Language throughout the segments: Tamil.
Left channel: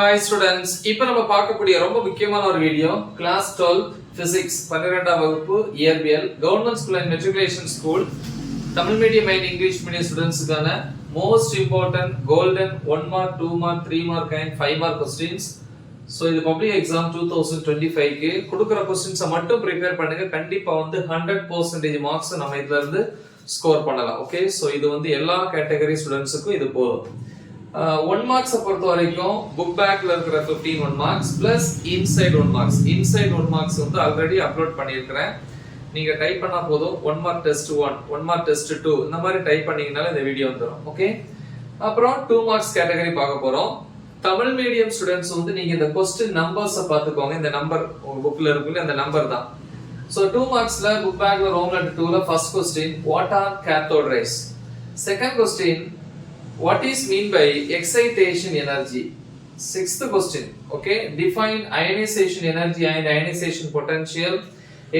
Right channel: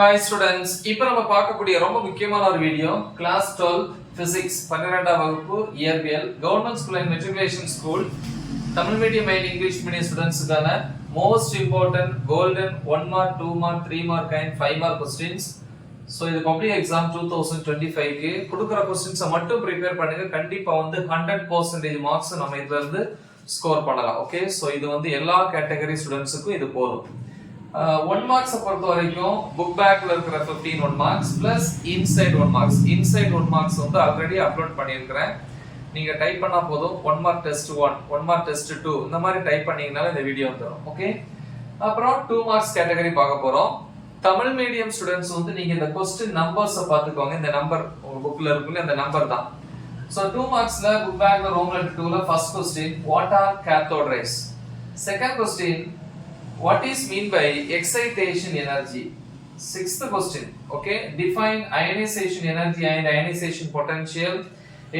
Hi students, இப்போ நம்ம பார்க்கக்கூடிய ரொம்ப முக்கியமான ஒரு வீடியோ கிளாஸ் 12 physics 12ஆம் வகுப்பு இயற்பியல் government school and matriculation school Tamil medium and English medium ஸ்டூடண்ட்ஸ்க்கான most important golden 1 mark 2 mark 3 mark and 5 mark questions. So இது பப்ளிக் எக்ஸாம் 2025 க்கு கொடுக்கிற क्वेश्चंस மட்டும் ப்ரிப்பேர் பண்ணுங்க. கண்டிப்பா வந்து 100% மார்க்ஸ் நம்ம இதுல இருந்து ஸ்கோர் பண்ணலாம். ஓகே, சோ இது வந்து எல்லா கேட்டகரி ஸ்டூடண்ட்ஸ்க்கும் இது போதும். 1 மார்க்ஸ் பொறுத்த வரைக்கும் புக் பேக்ல இருக்கிற 15 1 marks plus inside 1 marks. Inside 1 marks வந்து ஆல்ரெடி அப்லோட் பண்ணியிருக்கிறேன். நீங்க டைப் பண்ணா போதும் 1 மார்க் டெஸ்ட் 1 1 மார்க் டெஸ்ட் 2 இந்த மாதிரி டைப் பண்ணீங்கனால இந்த வீடியோ வந்துரும். ஓகே, அப்புறம் 2 மார்க்ஸ் கேட்டகரி பார்க்க போறோம். தமிழ் மீடியம் ஸ்டூடண்ட்ஸ் வந்து நீங்க இந்த क्वेश्चन நம்பர்ஸ் பாத்துக்கோங்க. இந்த நம்பர் உங்க புக்ல இருக்குல்ல, இந்த நம்பர் தான். சோ 2 மார்க்ஸ்ல புக் பேக்ல ரோம் லெட்டர் 2ல first question what are cathode rays. Second question what is mean by excitation energy. Sixth question, okay, define ionization energy and ionization potential.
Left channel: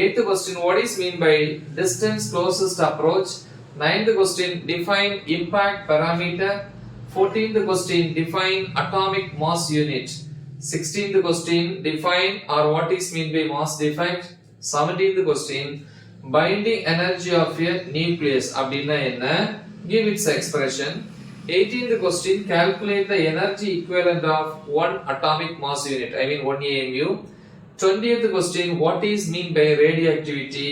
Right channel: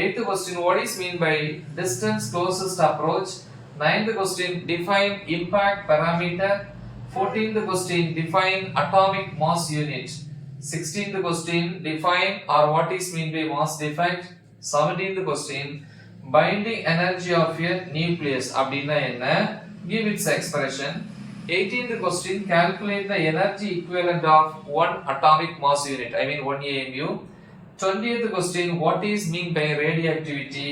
Eighth question, what is mean by distance closest approach. Ninth question, define impact parameter. 14th question, define atomic mass unit. 16th question, define or what is mean by mass defect. 17th question, binding energy of a nucleus அப்படினா என்ன, give its expression. 18th question, calculate the energy equivalent of one atomic mass unit, I mean 1 AMU. 20th question, what is mean by radioactivity.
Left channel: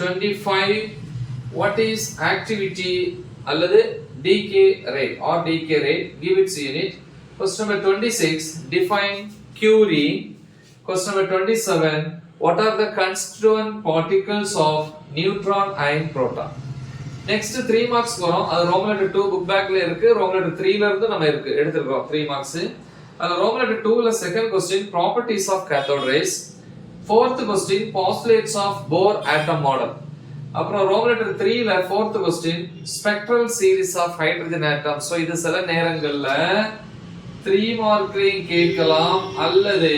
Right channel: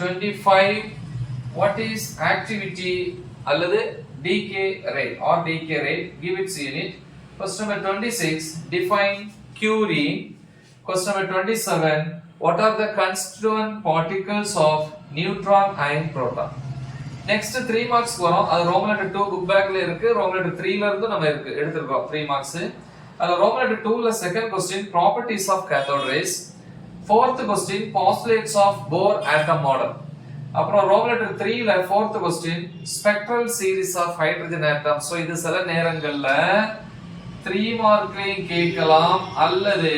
25, what is activity அல்லது decay rate or decay rate, give its unit. Question number 26, define Curie. Question number 27, what are the constituent particles of neutron and proton. Next 3 marks வரும். அது ரோம் லெட்டர் 2 புக் பேக்ல இருக்கு. ரோம் லெட்டர் 3ல இருந்து நம்ம எடுத்துறோம் 3 marks. அதுல ரோம் லெட்டர் 2ல second question properties of cathode rays. fourth question postulates of Bohr atom model. அப்புறம் ரோம் லெட்டர் 3ல fourth question spectral series of hydrogen atoms. So இது சில நேரங்கள்ல 3 மார்க்லயும் கேட்கலாம் அல்லது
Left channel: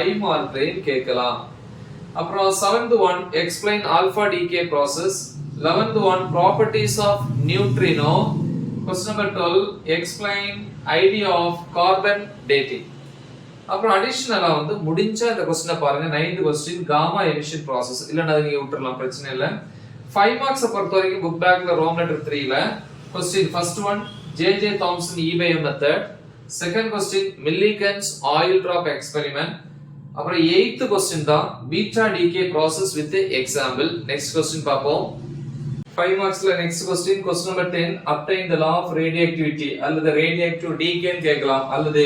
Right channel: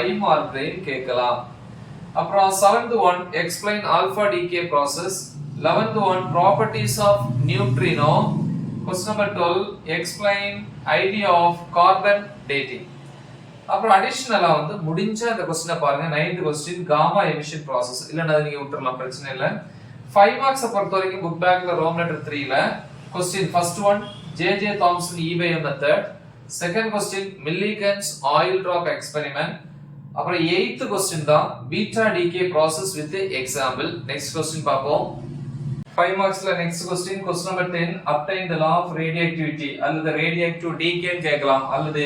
5 மார்க்லயும் கேட்கலாம். அப்புறம் 7th one explain alpha decay process. 11th one properties of neutrino. Question number 12 explain idea of carbon dating. அப்புறம் அடிஷனலா வந்து முடிஞ்ச அந்த क्वेश्चन பாருங்க. 9th question gamma emission process. இல்லனா நீங்க விட்டுறலாம், பிரச்சனை இல்ல. 5 marks பொறுத்த வரைக்கும் புக் பேக்ல ரோம் லெட்டர் 3ல question first one JJ Thomson E-bio method. second question Millikan's oil drop experiment. அப்புறம் 8th question தான் beta decay process with example. next question பாப்போம். 5 marksல next question number 10 obtain the law of radioactivity அல்லது radioactive decay கேட்கலாம் அல்லது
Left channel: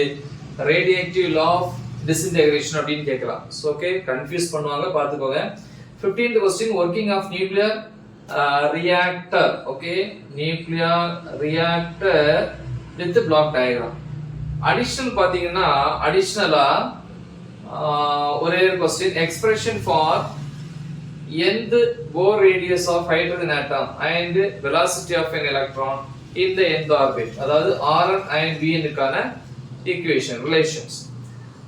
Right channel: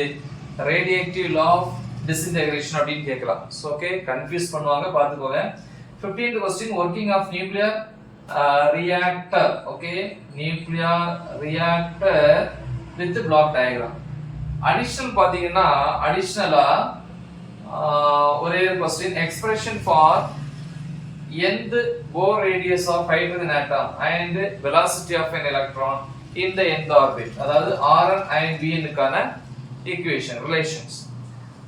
radioactive law of disintegration அப்படினு கேட்கலாம். சோ ஓகே, கன்ஃபியூஸ் பண்ணுவாங்க, பாத்துக்கோங்க. 15th question working of nuclear reactor. Okay, nuclear reactor with block diagram. additional பாத்தீங்கன்னா additionalா ஒரே ஒரு question expression for nth Bohr radius of hydrogen atom and velocity of an electron in the nth orbit, அதாவது Rn and Bn க்கான equation relations.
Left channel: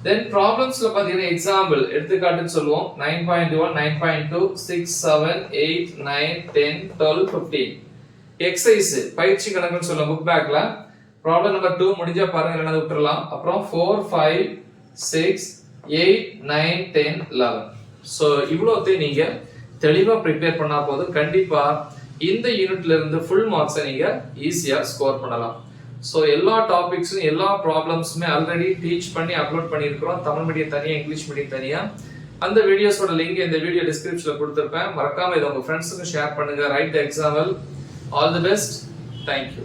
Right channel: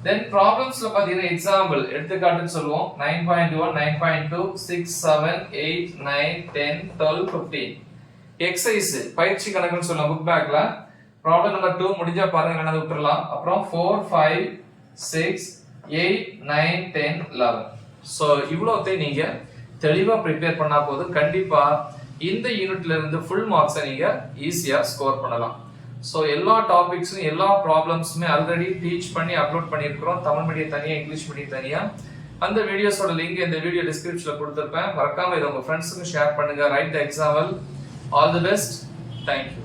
then problemsல பாத்தீங்கன்னா example எடுத்துக்காட்டுன்னு சொல்லுவோம். 9.1 9.2 6 7 8 9 10 12 15 exercise பயிற்சி கணக்குன்னு சொல்லலாம் புக் பேக்ல. problem number 2 முடிஞ்சா பாருங்க, இல்லனா விட்டுறலாம். அப்புறம் 4 5 6 8 9 10 11. சோ இவ்வளவுதே நீங்க தெளிவா ப்ரிப்பேர் பண்ணா போதும். கண்டிப்பா இந்த யூனிட்ல இருந்து ஃபுல் மார்க்ஸை நீங்க ஈஸியா ஸ்கோர் பண்ணலாம். சோ எல்லா டாபிக்ஸும் எல்லா ப்ராப்ளம்ஸுமே ஆல்ரெடி டீச் பண்ணி அப்லோட் பண்ணியிருக்கிறோம். தமிழ் மீடியம் தனியா, இங்கிலீஷ் மீடியம் தனியா. அந்த வீடியோஸோட லிங்க் இந்த வீடியோ டிஸ்கிரிப்ஷன்ல கொடுத்திருப்பேன். மறக்காம இதை உங்க ஃப்ரெண்ட்ஸுக்கு ஷேர் பண்ணுங்க. Right the example. All the best. Thank you.